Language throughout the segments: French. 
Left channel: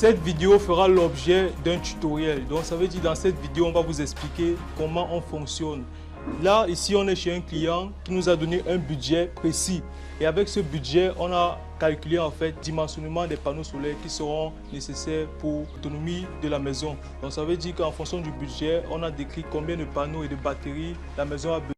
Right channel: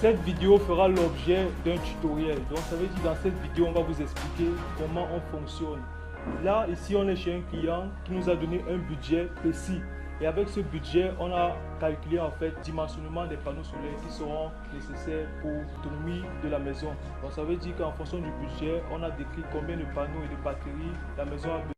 Cette vidéo fera l'objet d'un tutoriel. Donc ça veut dire dans cette vidéo, on va vous expliquer comment on fonctionne. Là, ici, on est chez un client qui nous a donné un budget précis. Et avec ce budget, on a calculé en fait le dimensionnement des panneaux solaires qui seront nécessaires pour l'autonomie de la maison. Donc ça veut dire qu'en fonction du budget, on a décrit combien de panneaux et de batteries la maison a besoin.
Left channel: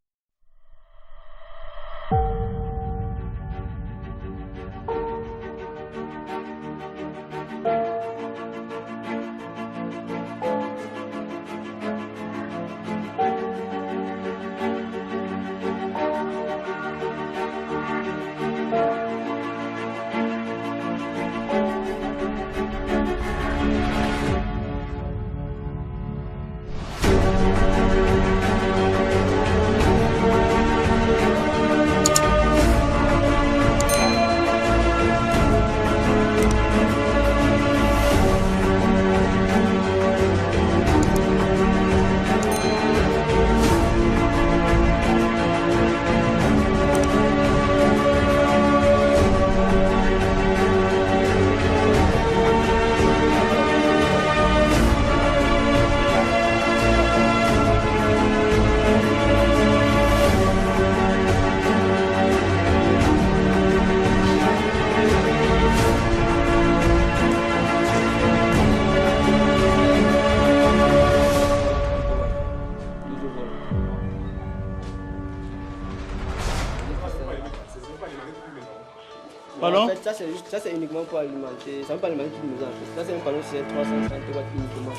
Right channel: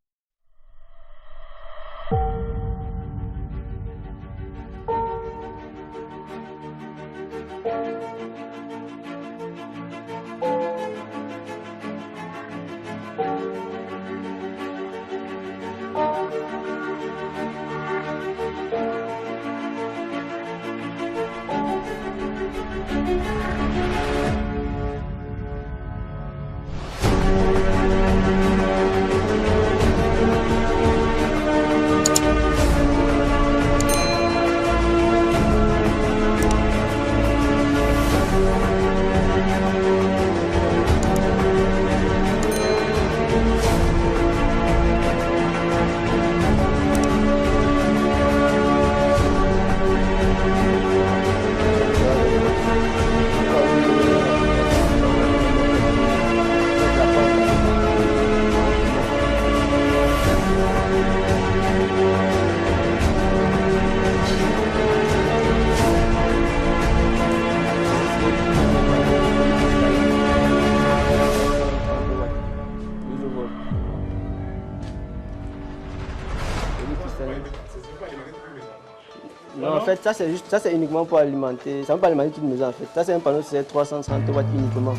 En fait, ça c'est uniquement pour alimenter. Ça ne va pas alimenter toute une maison en fait. Ça c'est un panneau sur 330 watts uniquement.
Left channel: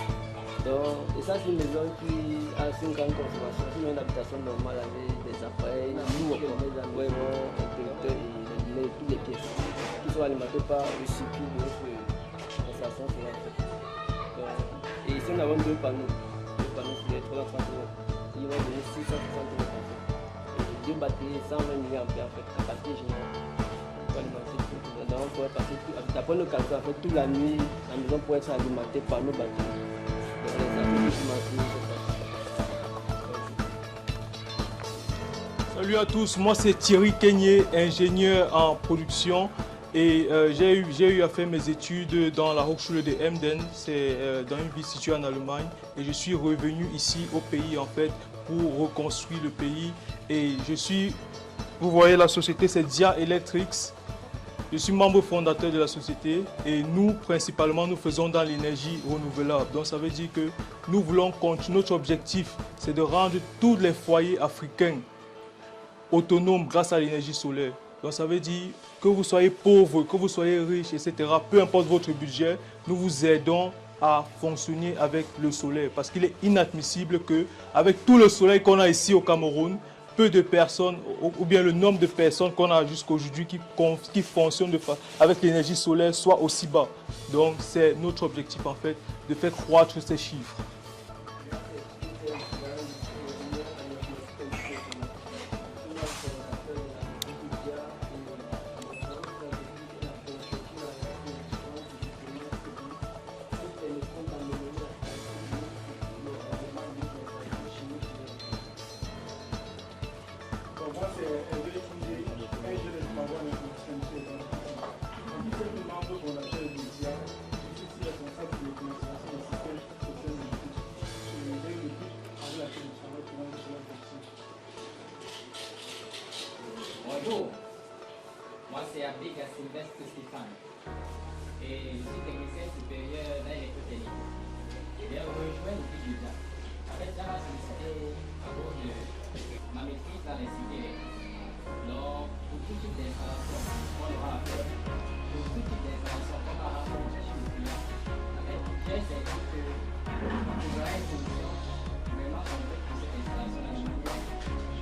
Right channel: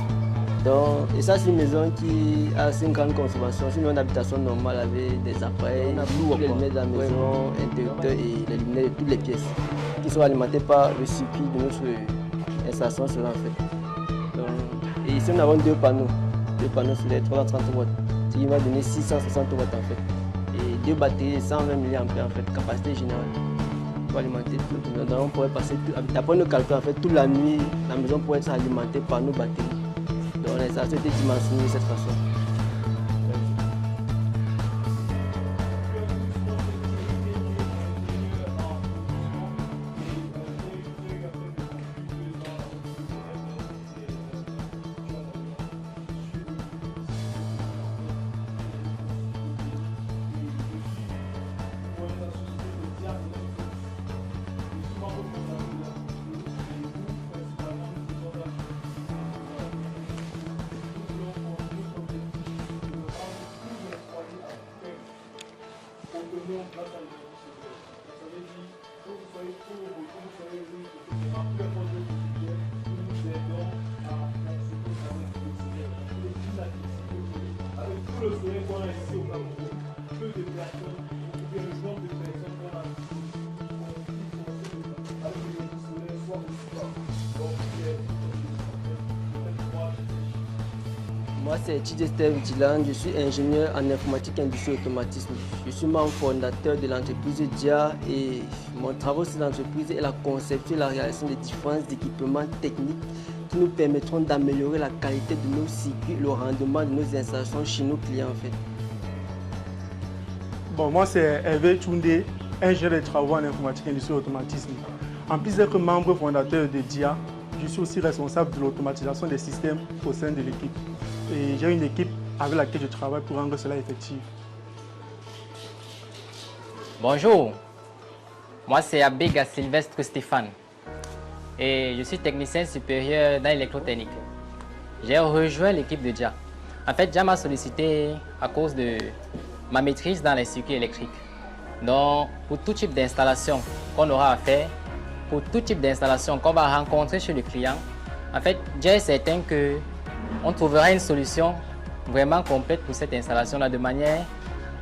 Donc, et ça c'est une maison qui a 5 ans de consommation. C'est une maison d'habitation normale avec des appareils, tous les lunettes de la maison, interrupteurs et les lunettes de toutes les pièces qui sont alimentées par le circuit de notre installation solaire en fait. Donc, et ici nous avons deux panneaux sur les 330 watts qui vont donner 660 watts en fait. Et deux batteries de 120 mAh en fait, capacité générale. Pour alimenter tout. Donc on pourrait passer, d'après nos calculs, en fait, toute la nuit, la maison pourrait être alimentée par nos batteries. Donc ça fait des dimensions de cette façon. Salut à tous, moi c'est Thierry Keigné, ingénieur en production. Et j'ai eu à faire mes études dans la Hochschule de Emden, c'est dans une ville située en Allemagne. Et je suis revenu ici au pays en fait pour reconstruire le pays. Et vous voyez la société, c'est Dia Electrics. Je suis membre fondateur de la société et nous, principalement, nous faisons dans l'énergie renouvelable. Donc ça veut dire que nous voulons continuer. Notre objectif, c'est de rendre tous les foyers africains autonomes grâce à l'énergie solaire. Donc ça veut dire que vous soyez pauvre, que vous soyez riche, etc. Peu importe votre budget, nous vous aidons à fonctionner avec le soleil. Parce qu'il est inadmissible qu'avec tout le soleil qu'on a ici au Cameroun, peu de personnes, ou bien le nombre de personnes qu'on a jusqu'aujourd'hui qui fonctionnent avec l'énergie solaire soit aussi bas. Donc c'est notre objectif en fait, de faire croître ces chiffres. Moi c'est Tidester Vitilan, je suis ingénieur en informatique, industrie et automatisme. Je suis membre fondateur de l'entreprise DIA et mon travail sur l'entreprise est la conception et la réalisation de différents équipements techniques qui nous permettront d'améliorer la qualité de nos circuits et le rendement de nos installations chez nos clients en fait. Bon, moi c'est Hervé Tchoundé, ingénieur de travaux en informatique, industrie et automatisme. En plus d'être membre fondateur de DIA, je suis aussi responsable de l'automatisation des systèmes au sein de l'équipe. Et j'ai une équipe avec laquelle je travaille pour rendre cela effectif. Bonjour, moi c'est Abega Sylvestre Stéphane et je suis technicien supérieur dans l'électrotechnique. J'ai rejoint l'équipe de DIA. En fait, DIA m'a sollicité à cause de ma maîtrise dans les circuits électriques. Donc, pour tout type d'installation qu'on aura à faire, pour tout type d'installation qu'on va rencontrer chez le client, en fait, DIA est certain qu'on trouvera une solution vraiment complète pour cette installation-là, de manière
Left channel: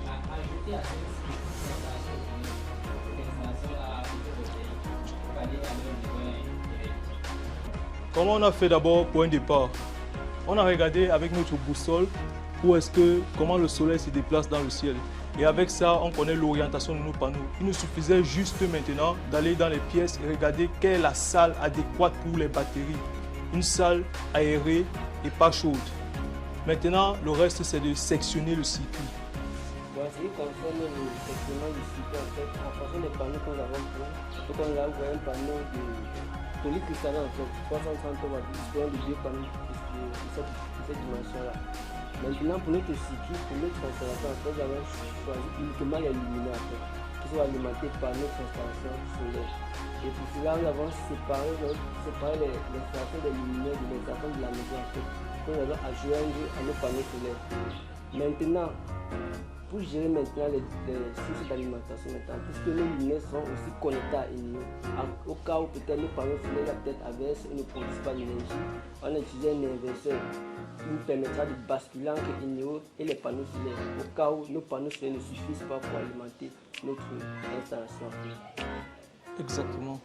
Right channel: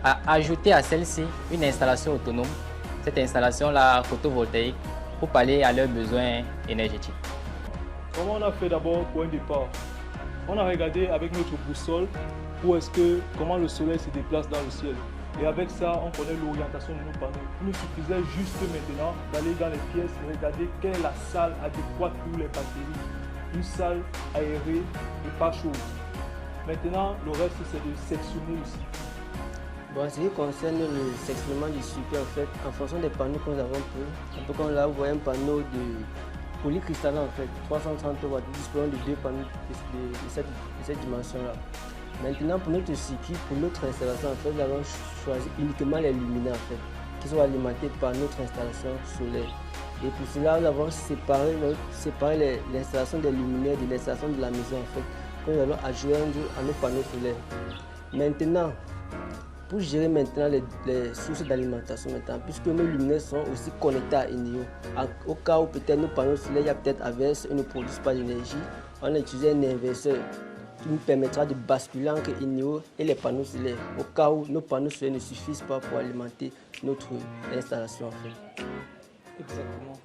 à ajouter à celle-ci une installation autonome, cette installation-là photovoltaïque, pour pallier à leurs besoins énergétiques. Comment on a fait d'abord pour un départ? On a regardé avec notre boussole comment le soleil se déplace dans le ciel. Et avec ça, on connaît l'orientation de nos panneaux. Il nous suffisait juste maintenant d'aller dans les pièces et regarder quelle est la salle adéquate pour les batteries. Une salle aérée et pas chaude. Maintenant, le reste, c'est de sectionner le circuit. Bon, ce qui concerne le sectionnement du circuit, en fait, en fonction des panneaux que nous avons pris, on peut nous envoyer un panneau polycristalline en fait, 330 watts, disposant de 2 panneaux de cette dimension-là. Maintenant, pour notre circuit, pour notre installation, en fait, nous avons choisi uniquement les luminaires en fait, qui sont alimentés par notre installation solaire. Et pour cela, nous avons séparé l'installation des luminaires de l'installation de la maison en fait, que nous allons adjoindre à nos panneaux solaires. Maintenant, pour gérer maintenant les sources d'alimentation, puisque nos luminaires sont aussi connectés à INEO, au cas où peut-être nos panneaux solaires, il y a peut-être averse et ne produisent pas d'énergie, on a utilisé un inverseur qui nous permettra de basculer entre INEO et les panneaux solaires, au cas où nos panneaux solaires ne suffisent pas pour alimenter notre installation. Exactement.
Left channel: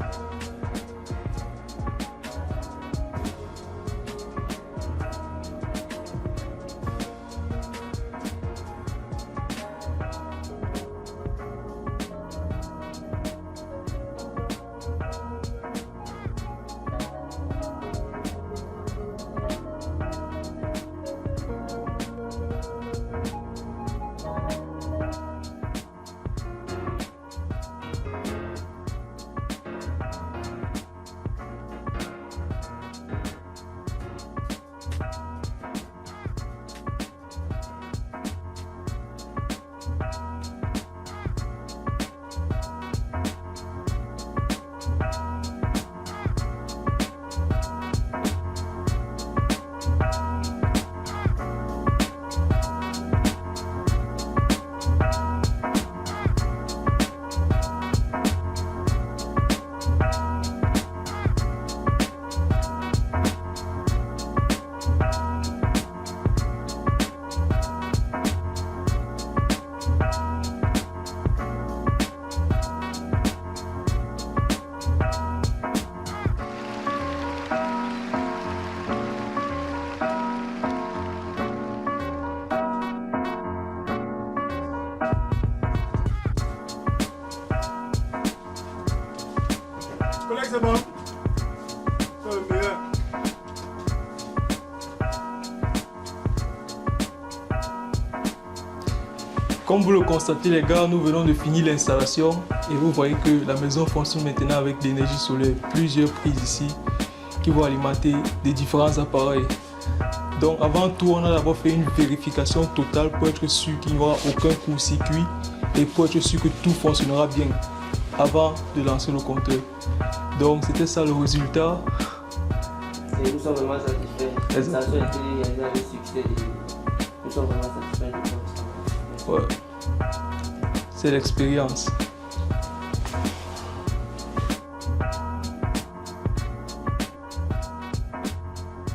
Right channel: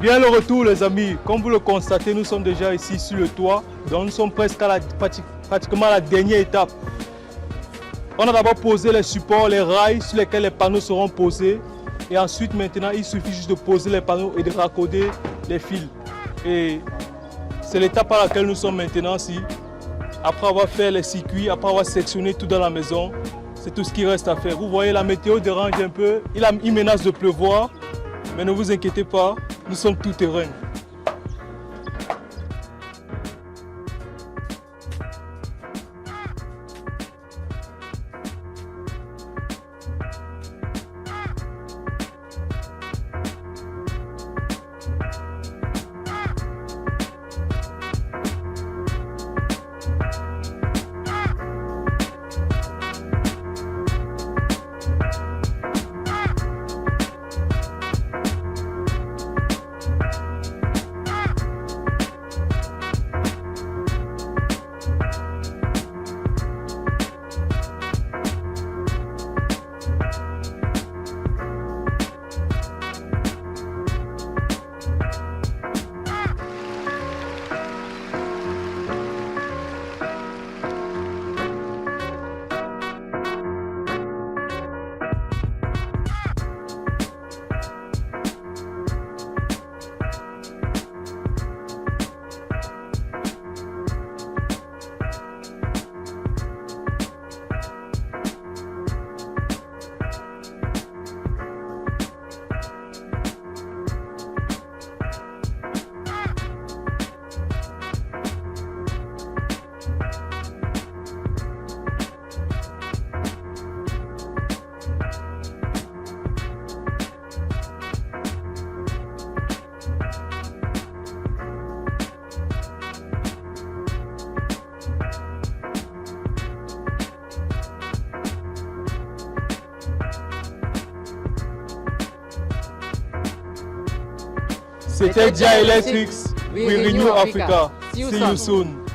Bien le retour les amis, comme vous le constatez, nous sommes déjà ici sur le toit, donc nous sommes presque à pratiquement à la dernière étape. On a d'abord posé les supports, les rails sur lesquels les panneaux seront posés, et ensuite maintenant il suffit juste de poser les panneaux et de raccorder les fils. Et c'est l'étape à laquelle nous sommes maintenant ici. Après avoir fait les circuits, après avoir sectionné tout dans la maison, c'est tout ce qui reste à faire. Vous voyez, la météo dérange un peu, il menace de pleuvoir, mais ne vous inquiétez pas, nous sommes tout terrain. Comme vous le constatez les gars, nous venons de finir l'installation et vous voyez que la maison fonctionne maintenant avec l'énergie solaire. Plusieurs prises ici qui vont alimenter des différents appareils. Donc avant tout, on a d'abord fait une vérification totale pour être sûr qu'il n'y aura aucun court-circuit et pour être sûr que tout fonctionnera bien avant de lancer le compteur. Donc c'était ça le résultat. Et nous sommes vraiment satisfaits. L'installation était un succès. Nous sommes vraiment satisfaits. Ouais. C'est l'expérience. C'était Dia Electrics, we renew Africa. See you soon.